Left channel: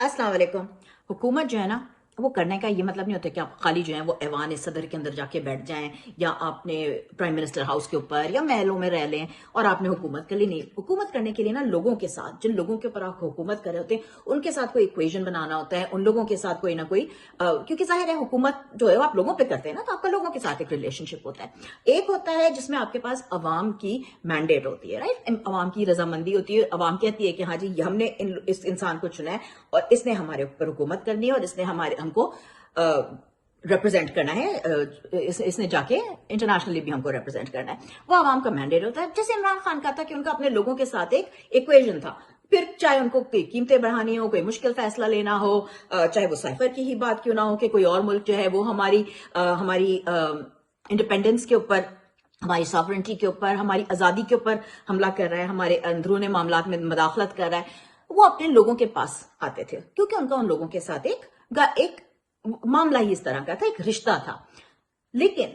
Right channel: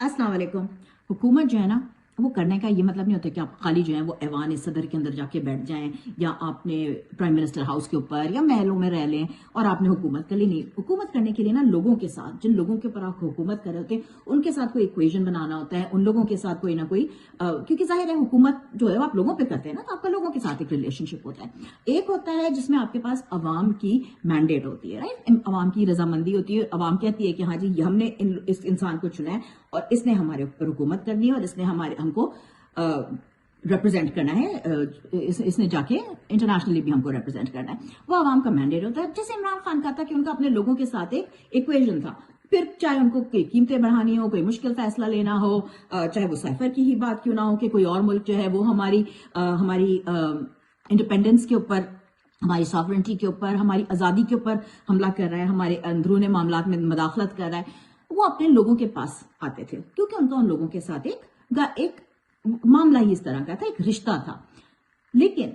अस्सलाम वालेकुम। हुकूमत जो है ना, वो करने का ये मतलब नहीं होता कि आप खाली जो है वो ऐवान सदर के अंदर जाके बैठ जाएं या आपने प्राइम मिनिस्टर हाउस के ऊपर या महलों में रह लें और आपने हुकूमत कर ली। नहीं, हुकूमत करने के लिए ना लोगों के साथ, जिन लोगों के ऊपर आप हुकूमत कर रहे होते हैं उनके साथ कोई इक्वेशन बनाना होता है, उन लोगों के साथ कोई ना कोई क्योंकि जाहिर है हुकूमत जो है वो आप लोगों पे करते हैं ना, तो आपका लोगों के साथ एक रिलेशनशिप होता है। एक होता है जिसमें आपके पास अवाम की मैंडेट होती है, राइट, अवाम की रजामंदी होती है, अवाम कहती है कि हाँ जी हमने इस इंसान को चुना है और इसने हमारे ऊपर हुकूमत करनी है और इसने हमको रिप्रेजेंट करना है, इसने जाके इंटरनेशनली भी हमको रिप्रेजेंट करना है। वो आवाम का मैंडेट होता है। जैसे इमरान खान का था कि उनका अपने लोगों के साथ एक इक्वेशन था, फिर चाहे उनको कोई कीमतें बढ़ानी हो, कोई मुश्किल फैसला लेना हो, चाहे वो साइफर की ही बात क्यों ना हो कि कोई और मुल्क जो है वो हमारी इंडिपेंडेंस के ऊपर, हमारी सॉवरेंटी के ऊपर, हमारी आज़ादी के ऊपर हमला कर रहा है, हमारे अंदरूनी मामलात में मदाखलत कर रहा है, वो अपने लोगों के पास आते थे क्योंकि उनका उन लोगों के साथ एक मामला ही इस तरह का था, एक रिश्ता था। लेकिन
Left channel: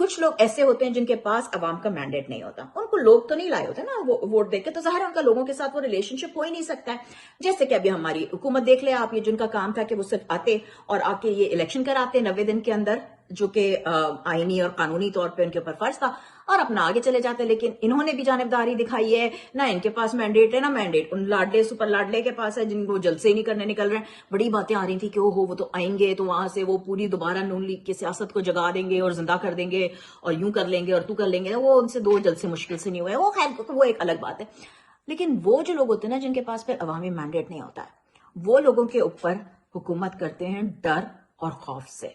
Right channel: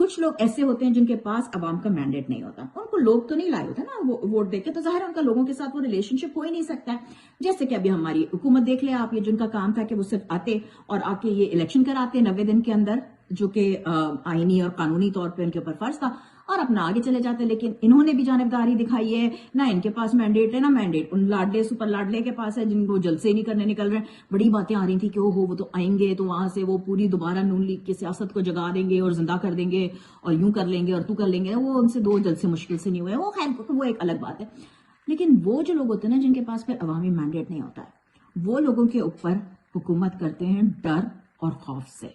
कुछ लोग ऐसे होते हैं जिनके पास अवाम का मैंडेट नहीं होता, उनको लोग तो नहीं लाए होते ना वो वोट देके, तो जाहिर है उनका लोगों के साथ वो रिलेशनशिप हो ही नहीं सकता है। जैसे कि अभी हमारी हुकूमत देख ले आप, ये जिनका काम था कि वो सिर्फ आते और आके ये इलेक्शन कराते 90 दिन के अंदर, जो कि आईनी और कानूनी तौर पे उनके ऊपर फर्ज था, और अपना आगे चले जाते। लेकिन इन्होंने भी जानिबदारी दिखाई है, ना इनके पास मैंडेट है ना मैंडेट उन लाडले सुपर लाडले के पास है जिनको जलसे ही नहीं करने निकल रहे हैं। बड़ी बातें आ रही थी कि ओहो वो तो आएंगे तो वहां से वो पूरी दोबारा नून लीग की सियासत को जगा देंगे और जिंदा कर देंगे और यूं कर लेंगे और तू कर लेंगे। वो उनसे दो जलसे मुश्किल से नहीं हुए, वो खैर वो एक अलग बात है। लेकिन वो जो लोग होते हैं ना जिनके पास फिर अवामी मैंडेट नहीं होता है, वो लोगों के ऊपर हुकूमत करते हैं डर और खौफ से,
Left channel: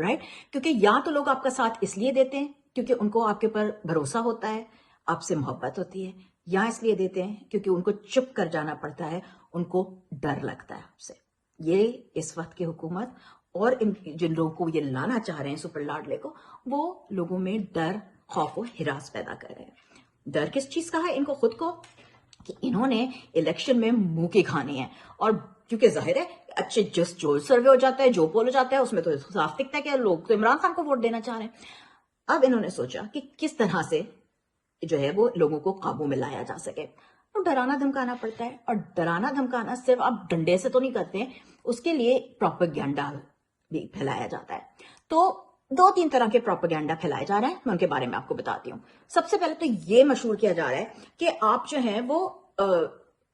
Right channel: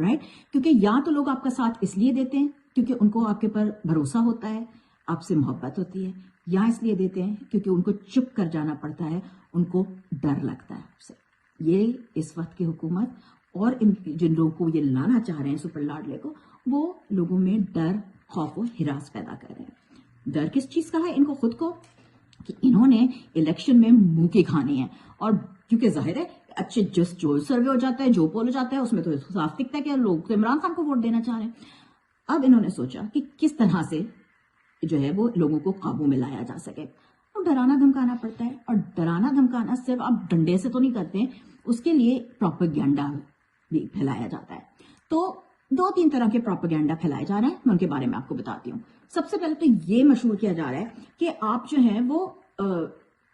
राइट। क्योंकि या तो लोग आपका साथ इसलिए देते हैं क्योंकि उनको आपके ऊपर भरोसा होता है, आपसे मोहब्बत होती है, या इसलिए देते हैं क्योंकि उनको चुप कर जाना पड़ता है, उनको डर लगता है आपसे। ये इस वक्त की हुकूमत और जिन लोगों को ये लाना चाह रहे हैं सुपर लाडले को, वो लोगों में डर, खौफ और हिरास पैदा कर रहे हैं। डर किस चीज का है? इनको खुद को, कि इन्होंने इलेक्शन में मुंह की खानी है। और क्योंकि जाहिर है अच्छे जो सर्वे हो जाता है, जो पोल हो जाता है, उसमें तो साफ दिखता है कि लोग तो इमरान खान को वोट देना चाह रहे हैं। अब इन्होंने सोचा कि किस तरह से जो है वो लोगों को काबू में लाया जा सके, तो डराना धमकाना पड़ता है। और डराना धमकाना सिर्फ आप डंडे से तो नहीं करते हैं, उसके लिए प्रोपेगेंडा भी फैलाया जाता है। तो 2-3 तरह के प्रोपेगेंडा फैलाए जा रहे हैं, मैं उनके बारे में आपको बताती हूँ। सबसे पहले तो ये मशहूर किया जा रहा है कि आप जो है वो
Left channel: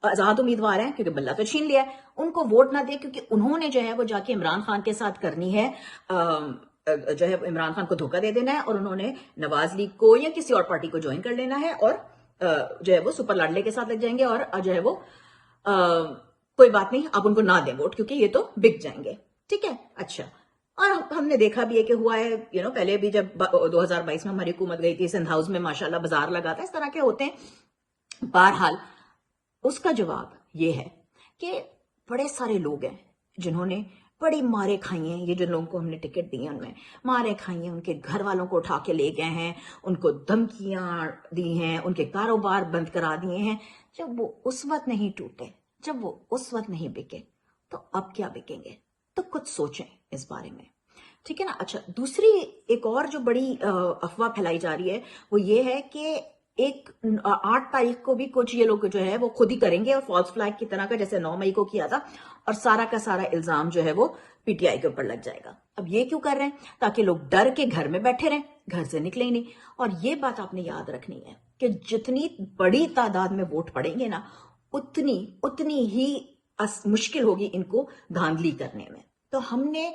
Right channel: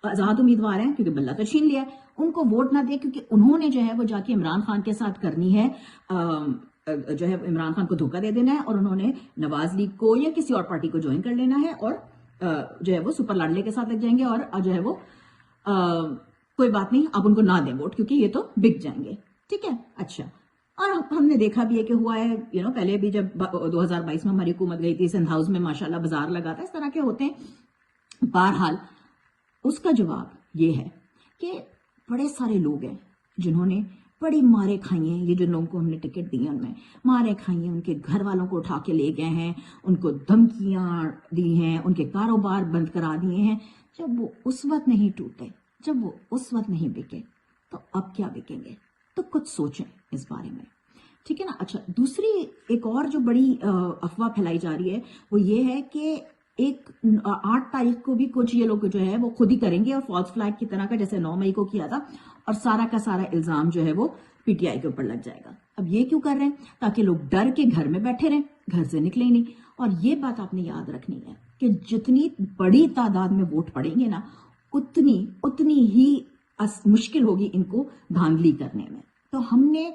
आजाद उम्मीदवार हैं क्योंकि बल्ला तो छीन लिया है, उनको वोट ना दे क्योंकि उन्होंने जो है वो जाके इमरान खान के साथ करनी है, जो है इमरान खान को धोखा दे देना है, और उन्होंने नवाज लीग को या किसी और पार्टी को ज्वाइन कर लेना है और जो है वो सुपर लाडले के साथ लग जाएंगे और जो है वो कोई बात नहीं, आप उनको ना दें वोट क्योंकि ये तो बिक जाएंगे। ठीक है, अच्छा। और हमने देखा भी है कि हुआ है, पहले भी जब 2022 में हमारी हुकूमत गई थी, सिंध हाउस में माशाल्लाह बाजार लगा था, इस तरह के होते हैं। बहरहाल उसका जवाब ये है कि बड़े सारे लोग हैं जिन्होंने बड़ी मारे खाई हैं, ये जो लोगों को हमने टिकट दी है उनमें मारे खाई हैं, उनके घर वालों को उठा के ले गए हैं, उनको धमकियां दी हैं, उनके कारोबार बंद करा दिए हैं। जब वो उस वक्त नहीं टूटे, जब वो उस वक्त नहीं बिके, तो अब क्या बिकेंगे? तो कुछ सोचें इस बारे में, ठीक है ना। अच्छा, दूसरी एक और जो बड़ी अफवाह फैलाई जा रही है वो ये है कि 8 तारीख को भी कुछ ये लोग जो है वो खुद ही करेंगे और फॉल्स फ्लैग की तरह का, जैसे 9 मई को किया था, और सारा का सारा इल्जाम जो है वो पीटीआई के ऊपर लग जाएगा। अब ये क्यों कर रहे हैं? ताकि लोग डर के घर में बैठे रहें, घर से निकले ही नहीं। और ये बात आपने याद रखनी है कि जितनी बड़ी तादाद में वोट पड़ेंगे ना, उतनी ही मुश्किल होगी इनको धांधली करने में। तो हमने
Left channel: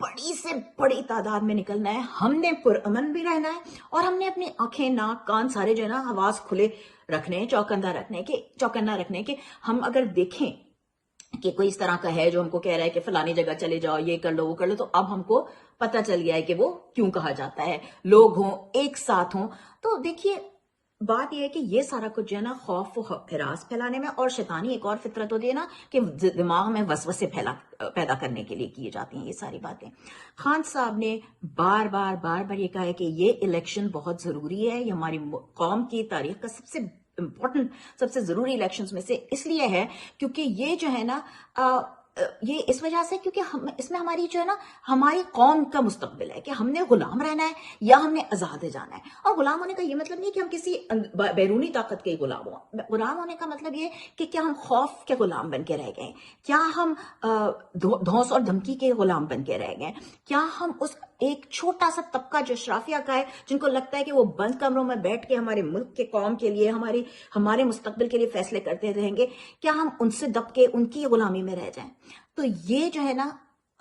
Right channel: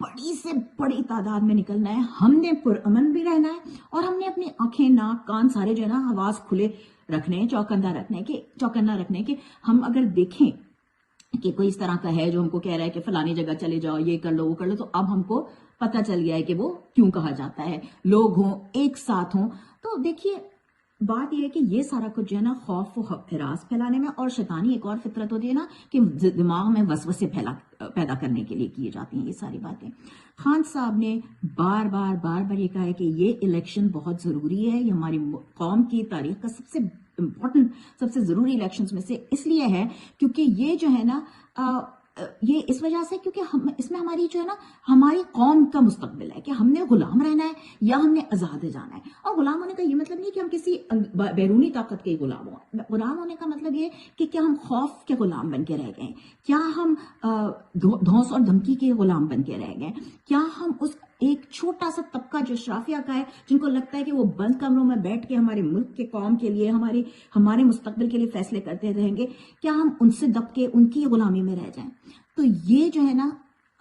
बड़ी से बड़ी तादाद में निकलना है, हमने पुरअमन भी रहना है, और हमने अपनी आंखें, नाक, कान सारे जो है ना हवास खुले रखने हैं, चौकन्ना रखने के हम अगर देखें कि कोई इस तरह का है जो हमको कह रहा है कि फलानी जगह चले जाओ, ये कर लो, वो कर लो, तो अब हमको पता चल गया है कि वो क्यों कहा जाता है, लोग हों, एक साथ हों। तो देखिए, बात यह है कि ये सारा कुछ जो है ना खौफ व हिरास फैलाने में, और शैतानी एक और फितरत होती है ना कि दिमाग में वसवसे पैदा करने के लिए की जाती हैं ये सारी बातें। खान साहब ने बार बार ये कहा है कि ये इलेक्शन बहुत जरूरी है, ये हमारी कौम की तारीख का सबसे इम्पोर्टेंट, सबसे जरूरी इलेक्शंस में से इसलिए है क्योंकि ये जो है ना یہ اس وجہ سے کیونکہ اس میں ہماری جو ہے نا ہماری قوم کا مستقبل ہے کہ ہم نے غلام رہنا ہے یا ہم نے آزاد جانا ہے. اور غلام ہونے کا یہ مطلب نہیں کہ ہم کسی بیرونی طاقت کے غلام ہوں. غلام ہونے کا مطلب یہ کہ کیا ہم خوف کے غلام بن کے رہ گئے, کیا ہم دھونس اور دھمکی کے غلام بن کے رہ گئے, کیا ہم اس ایک چھوٹا سا طبقہ جو اشرافیہ کا ہے جن کو لگتا ہے کہ وہ بند کمروں میں بیٹھ کے ہمارے ملک کے قوم کے لیے ہمارے مستقبل کے لیے فیصلے کرتے رہیں گے, کیا ہم ان سے دب کے ان کی غلامی میں رہ جائیں. تو یہ جو ہے نا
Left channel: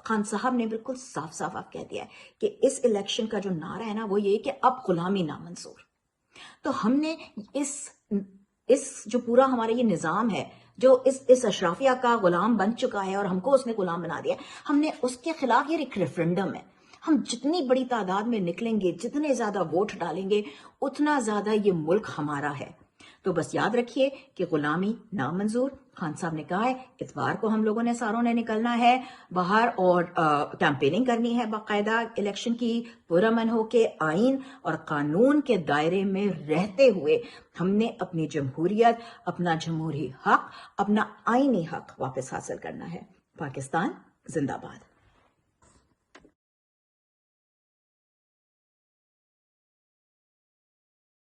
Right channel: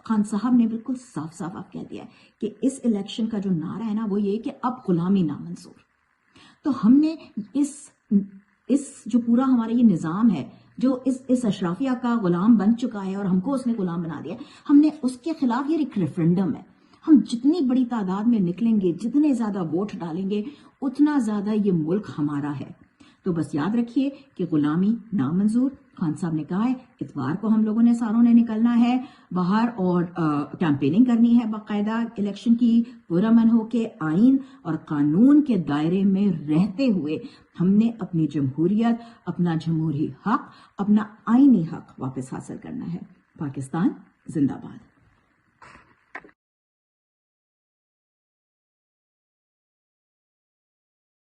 خان صاحب نے بالکل صاف صاف آپ کہہ دیا ہے کہ اس الیکشن کا جو نعرہ ہے نا وہ یہ کہ اب غلامی نامنظور. تو ہم نے اس جو پورا ہمارا یہ نظام ہے جو اس اشرافیہ کا غلام بن چکا ہے اور ہم کو اس نے غلام بنا دیا, ہم نے اس کے خلاف یہ ایک ریفرنڈم ہے. ہم جتنی بڑی تعداد میں نکلیں گے, جتنے زیادہ ووٹ ڈالیں گے, اتنا زیادہ یہ ملک ہمارا ہے. تو بس یاد رکھیے کہ غلامی نامنظور. خان صاحب نے کہا ہے اتوار کو ہم لوگوں نے ساروں نے نکلنا ہے باہر اور کیمپیننگ کرنی ہے باقاعدہ الیکشن کی, پرامن ہو کے آئین اور قانون کے دائرے میں رہتے ہوئے ہم نے اپنی جمہوریت, اپنا جمہوری حق, اپنا آئینی حق واپس حاصل کرنا ہے. پاکستان زندہ باد.